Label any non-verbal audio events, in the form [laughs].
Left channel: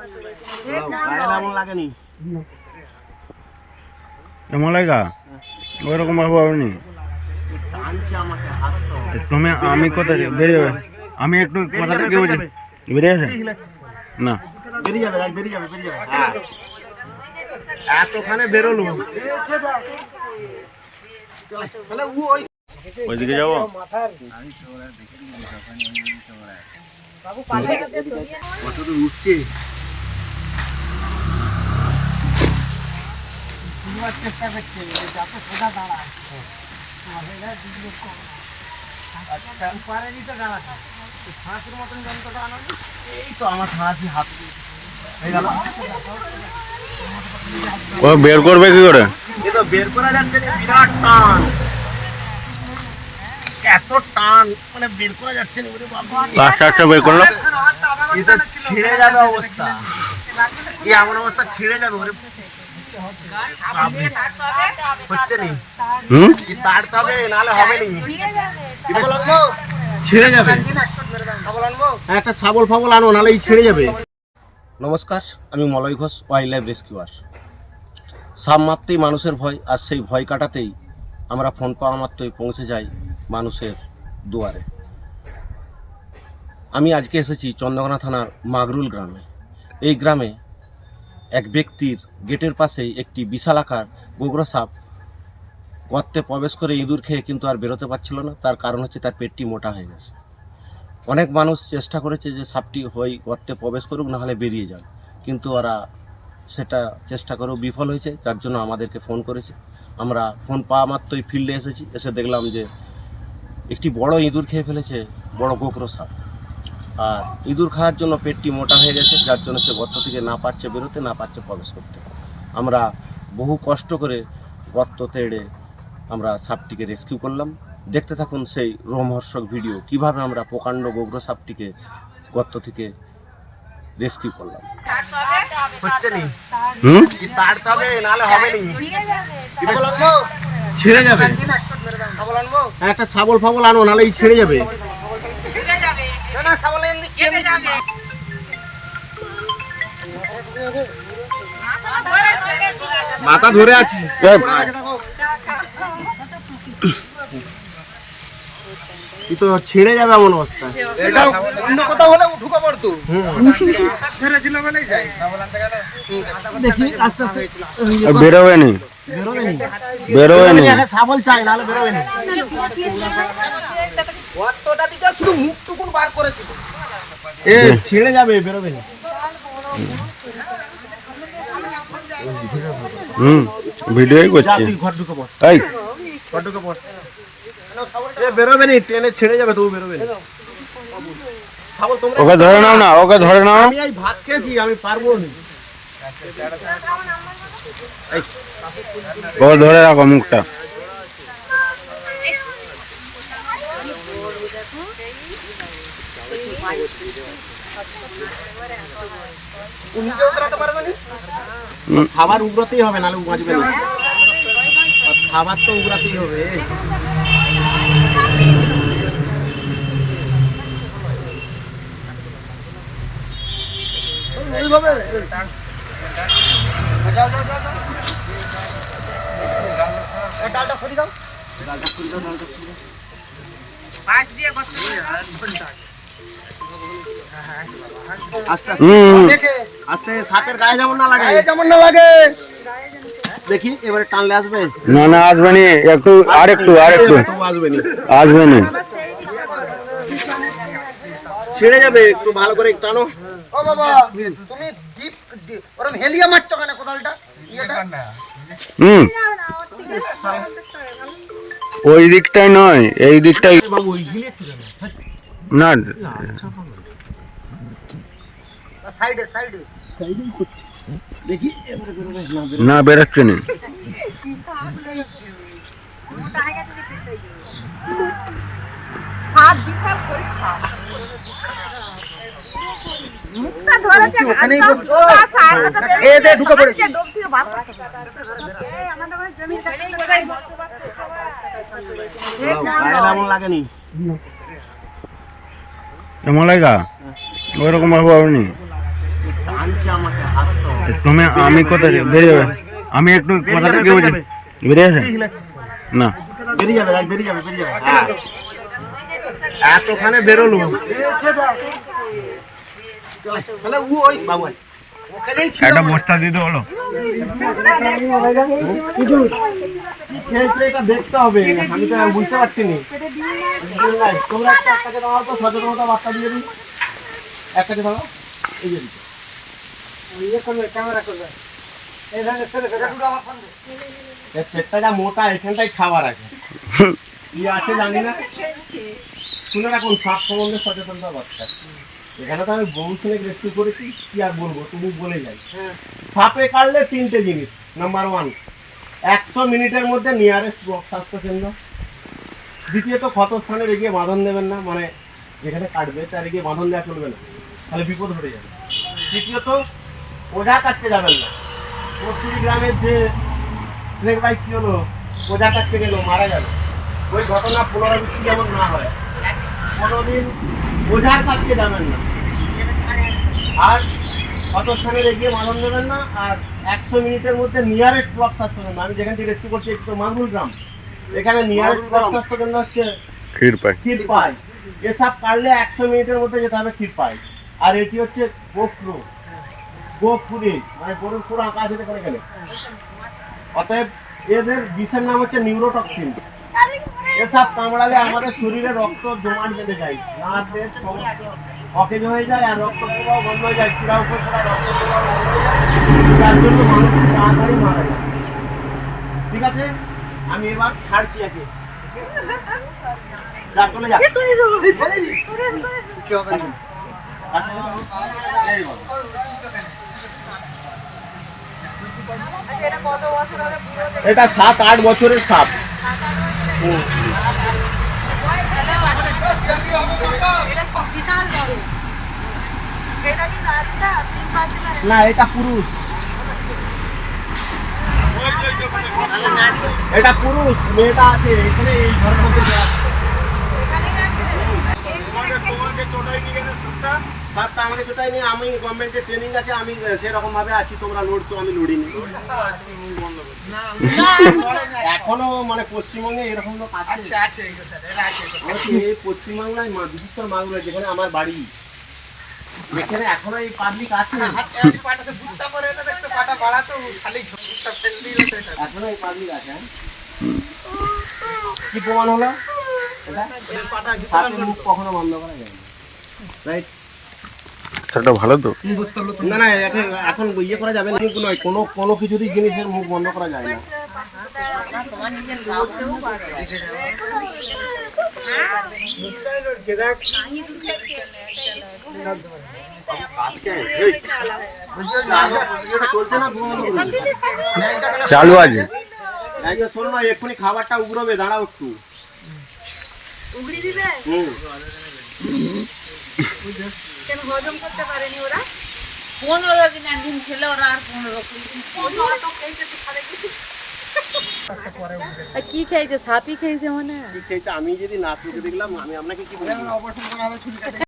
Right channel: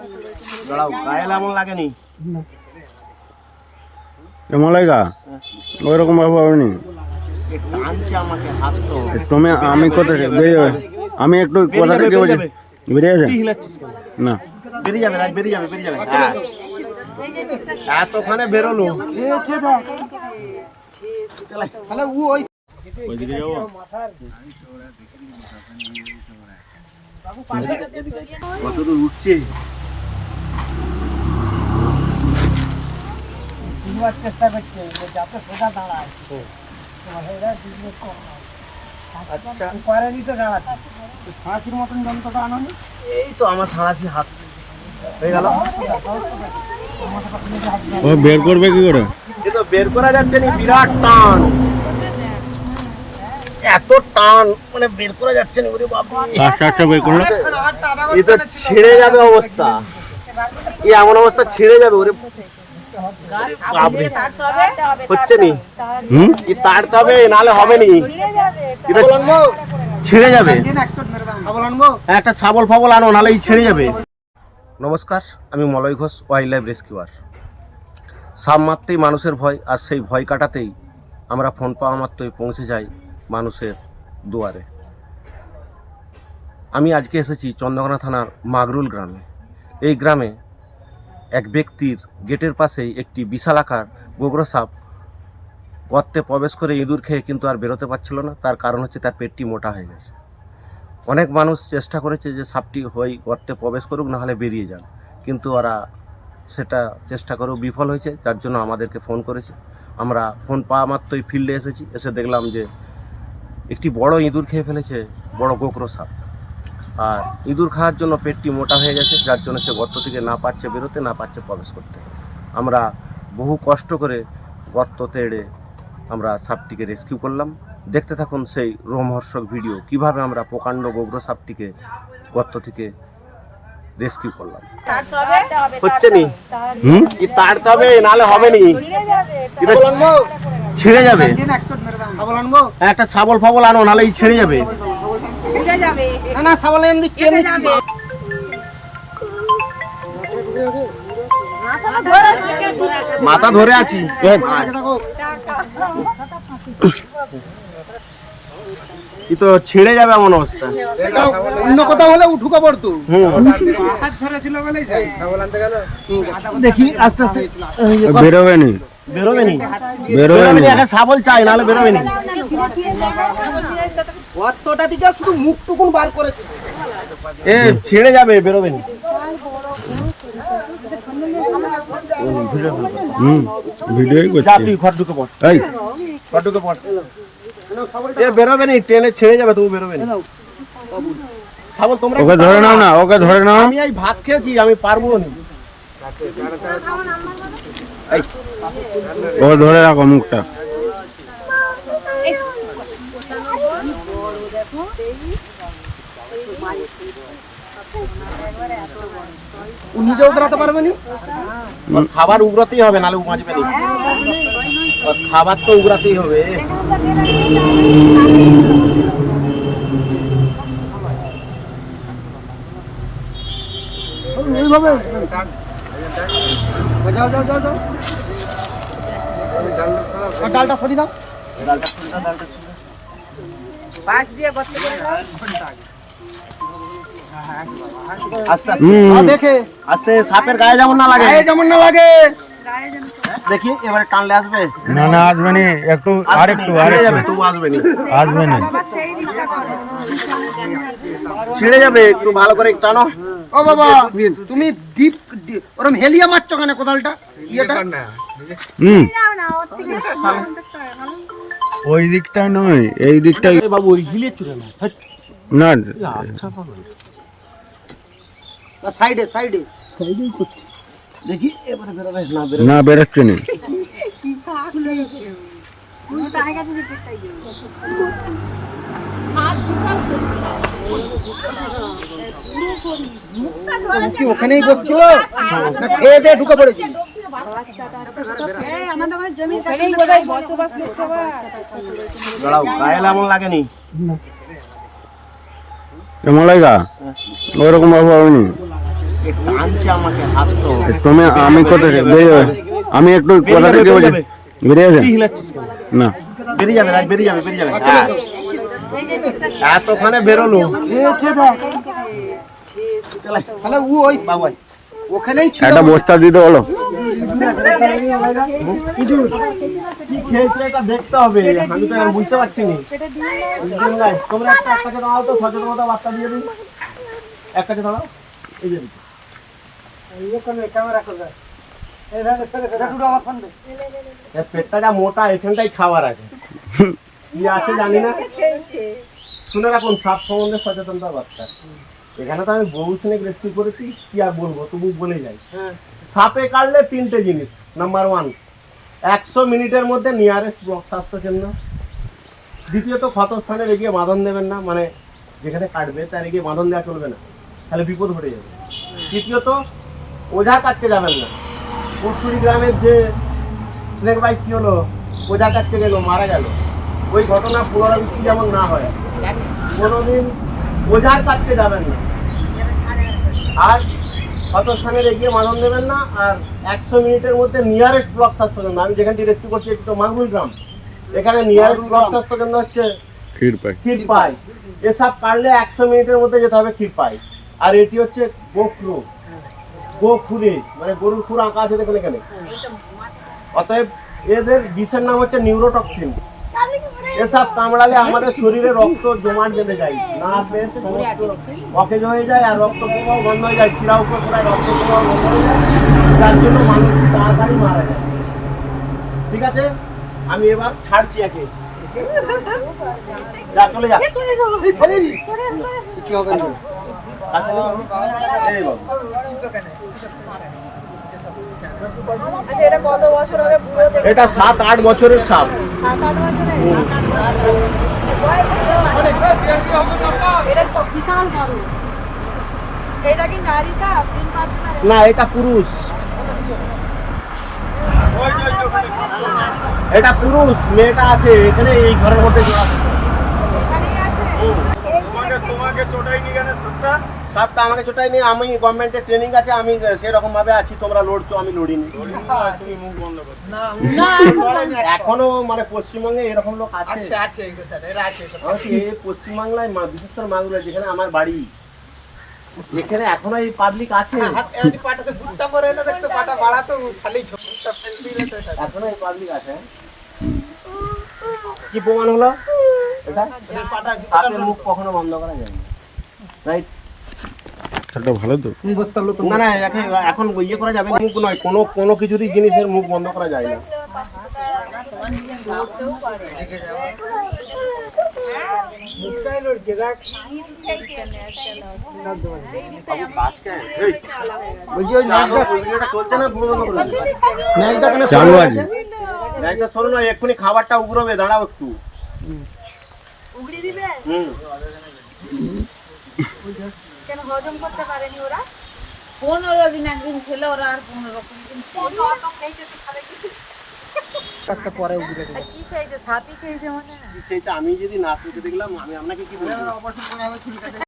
দাঁড়াও গায়ে এমন লাগেনি কেমন লাগা ওই ভাবে হয়নি। টানছে আমাকে হাত তো তুমি আমি কোথা থেকে বেরিয়ে যাবে আমি একটু কোথা বলছি? বেরিয়ে না। বেরিয়ে কত দূর উঠছে এই তো আমার সারাছি হাত। হয়ে গেল। ও বের করবে কি করে? এ তো বের করা যাচ্ছে না বিরাট টান। এত টান মানে বের করা যাচ্ছে না ওরে বাবা বের করল। এ তো ছিঁড়ে যাবে অবস্থা। এই এমন অবস্থা ছিঁড়ে যাবে ওরে। হচ্ছে নি? হুম? তাড়তে হবে নাহলে হবে নি। ছিঁড়ে যাবে। একটা ফাবল আনো নাহলে ছিঁড়ে যাবে। নমস্কার আমি Malay Ghosh wildlife rescuer সাপ মারতেই মানুষের ভয় আর সেই ভয় কাটাতেই আমরা ফোন পাওয়া মাত্রই পৌঁছে যাই মানুষের দুয়ারে। আমি আজকে এসেছি চন্দ্রকোনা থানার মাগরুল গ্রামে। এই গ্রামে এক ব্যক্তির গেটের পাশেই একটি বিশাল আকার গোগ্র সাপ গর্তে প্রবেশ করে ইঁদুর খেয়ে কিন্তু আর বেরোতে পারছিল না। তার কারণ হচ্ছে তার পেটটি মোটা হয়ে গেছে। অনেক মানুষ চেষ্টা করেছে যে সাপটি হয় গর্তে প্রবেশ করুক, না হলে বেরিয়ে যাক। কিন্তু ওরা সেটা চেষ্টা করেও বিফল হয়েছে, যার জন্য আমাদেরকে ফোন করেছে। আমরা ফোন পাওয়া মাত্রই ফিল্ডে এসেছি। এসে দেখলাম যে একটি বড় ইঁদুর খেয়ে ফেলেছে, বড় গোকরো সাপ। আর ইঁদুর খাওয়ার জন্য পেটটি মোটা হয়ে গেছে যার জন্য সে গর্ত থেকে না পারছে বেরোতে না পারছে প্রবেশ করতে। আমরা বহু কষ্ট করে গর্ত তেড়ে আমরা সাপটিকে রেস্কিউ করলাম। দেখতে থাকুন সেই রোমহর্ষক ভিডিও কীভাবে আমরা প্রকাণ্ড গোগ্র সাপটিকে গর্ত থেকে রেস্কিউ করলাম। হচ্ছে নি? হুম? কি তাড়তে হবে নাহলে হবে নি। ছিঁড়ে যাবে। হ্যাঁ, একটা শাবল ফাবল আনো নাহলে ছিঁড়ে যাবে। মাথা ধরে আছি তো ছিঁড়ে যাবে এমন অবস্থা। অন্য কোথাও হলে উঠুকা পড়তো দেখি আস্তে আস্তে। বেরোবে নি। বেরোবে নি। বেরোবে নি। একটা শাবল চাই নাহলে বেরোবে শুধু মুখটুকুন বার এ ছিঁড়ে যাবে বেরোবে নি হুম ভিডিওই করছি। পড়। এই। ঘর পড়। এ বেরোবে নি ট্রেনে ছেড়ে যাবে তবু বেরোবে নি শাবল তোমরা ওকে ধরে নাও না ওকে ধরে নাও। আমি এই ভাত খেয়েছি আমি পারব না। ধরে রাখো মুখটা। নিজেও বেড়াতে পারবে না? খাবার উগরাতেই হবে নাহলে বাঁচবে না। আর খাবার তো উগরাতেই হবে। এইভাবে? যাও যাও যাও যাও। আর ডালটা সরি দাও। আস্তে আস্তে দেখে। আস্তে সাপের গায়ে যেমন না লাগে। যেমন না লাগে। দেখি এবারে টানলে আসবে? না না আসবে নি। একটু আর একটু আর ছিঁড়ে যাবে একটু তবু আসবে নি। আসবে নি। ছিঁড়ে যাবে একটু ভালো করে টানো। ও বাবা তুমি ওরম হেলিয়া মারছো কেন কোদালটা? ইয়েটা? হুম। ওই দিকটাই নয় এই দিকটাই বাবু ওই গিলে না। না। সাইডে সাইডে। দেখি এবারে বেরোবে না বেরোবে। না বেরোচ্ছে না। কি ওখানেই বসছো? খেয়ে দিয়ে ঢুকে পড়েছি। দাঁড়াও গায়ে এমন লাগেনি কেমন লাগা ওই রকম ভাবে হয়নি। টানছে তুমি আমি কোথায় বেরিয়ে আমি একটু কথাটা কি বলছি? বেরিয়ে আছে না। বেরিয়ে যাবে বেরিয়ে যাবে বেরিয়ে যাবে। হ্যাঁ। এতখানে বেরোলো। তাহলে ও ওই বাবা ওখানেই একটা বস্তা দিতে বলো। কি খেলছে এটা দেখতে হবে। আমি তো আর বুঝতে পারছি না। তোমরা একটা এক কাছে দাঁড়াও তো সচেতনতা বার্তা দিয়ে এই যে পেটটা যা মোটা এখানটাই খাবার আছে [laughs] কি আছে জানি না। শুনে রাখুন সাপ সম্বন্ধে সচেতনতা বার্তা এখানে তো আমি বহু সিনেক রেস্কিউ করেছি কি আর বলব তুমি বলে যাই। সাপে কাটলে তিনটে জিনিস। নাম্বার ওয়ান একশো মিনিটের মধ্যে নিয়ারেস্ট ব্লক স্বাস্থ্য কেন্দ্র দ্বিতীয়ত ক্ষতস্থানে রেগিয়ে বাঁধন দেবেন না। মানে যেখানে কাটবে তার রেগিয়ে বাঁধন দেওয়া চলবে না। তাহলে বিপদ ঘটে যাবে। তৃতীয়ত ওঝার কাছকে যাবেন না। পরশুরি গ্রামের যে স্নেক বাইক কি হলো ওঝার কাছকে গেল মারা গেল। ওই ঘটনা পুনরাবৃত্তি যেমন না হয় কোনোদিন ওঝার কাছকে যাবেন না। আর কত স্থানে এগিয়ে মালন দেবেন না আর একশো মিনিটের মধ্যে নিয়ারেস্ট ব্লক স্বাস্থ্য কেন্দ্র আমি যেখান থেকে রেস্কিউ করছি একটু মাগরুল গ্রাম এখানে নিয়ারেস্ট ব্লক স্বাস্থ্য কেন্দ্র হচ্ছে ক্ষীর পাই ক্ষীরপাই। এসব কাটলে একশো মিনিটের মধ্যে যেতে হবে ক্ষীরপাই। আর এটি হচ্ছে গোখরু গোখুরে মানে গরুর খুর আঁকা আছে দেখুন এখানে। অতএব এদের বিষের নাম হচ্ছে নিউরোটক্সিন। এসব কামড়ালে আমাদের শরীরে রক্ত জমাট বেঁধে যায় নার্ভের সমস্ত অকেজ হয়ে যায় আর রক্ত প্রবাহ বন্ধ হয়ে যায় শিরা উপর খেলায় রক্ত প্রবাহ বন্ধ হয়ে যায় যার জন্য মানুষ তাড়াতাড়ি মারা যায়। ঠিক আছে? আমি এবার ছাড়ছি একে। যা চলে যা। কি হবে? না। এটা সাত আট বছরের সাপ। না, এটা পুরুষ। এটা পুরুষ, মেয়েটা আছে, এখানে এই ঘরের মধ্যে সাপটা আমাকে নিয়ে আমি গভর্নমেন্টের ট্রেনিং আছে আমি সেরকম ভাবে আছি তোমরা লড়ছো আমি লড়িনি। এখনও মানে পশ্চিমবঙ্গে এরকম লোক আছে। এই পশ্চিমবাংলায় মা- বিশেষ করে মাগুরা যেখানে আমার বাড়ি এখানে এখনও এই পাবলিক আছে। এখনও এই পাবলিক আছে। হ্যাঁ? কি প্রমাণ হলো? মুখ কখনো বন্ধ করা যায় না। রাইট সেটা ভালো তো। না না এখন ইয়ে করা যাবে না নয় কোনো কোনো কিছুরই জিনিসের মুখ বন্ধ করা যায় না। চালু আছে। এক্ষুনি খাবারটা উগড়বে দাঁড়াও একটু। কেন হজম করতে পারেনি ওরা? পনেরো দিন একদিন খেলে ওরা আর পনেরো কি? খেয়েছে? সাপই খেয়েছে মানে কি খেয়েছে? আমি যদি না চোখে দেখলাম আমি আপনাকে কি বলব?